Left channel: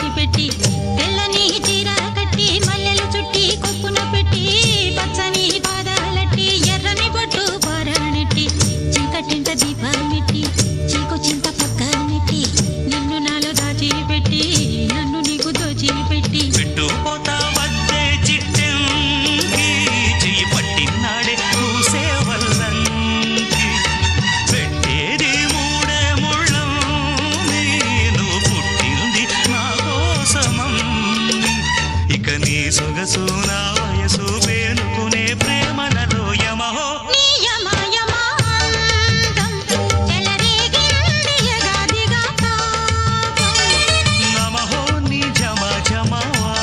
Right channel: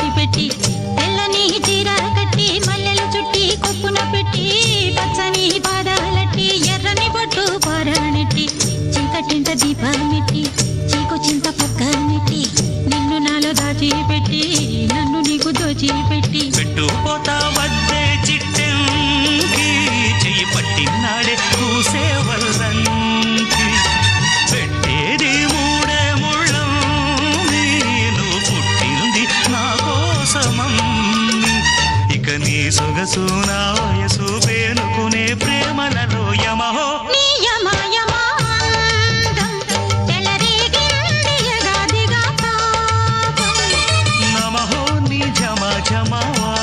విడిచిపెట్టి తెల్లని చీర కట్టి మల్లెలు చుట్టి కొప్పున పెట్టి పచ్చని పాదాలట్టి ఎర్రని బొట్టు పొరణెట్టి చీకటింట దీపమెట్టి చీకు చింత పక్క నెట్టి నిన్ను నాలో దాచిపెట్టి నన్ను నీకు దోచిపెట్టి. పెట్టుపోతా వద్దే చిట్టెంకి చెయ్యి పట్టినాడే కూసేవల్ల కోసమమ్మి ఇక నీ సొగసు నా వయసు పేనుకునే ప్రేమలలో యమహో. నమహో నీ జమా జమావా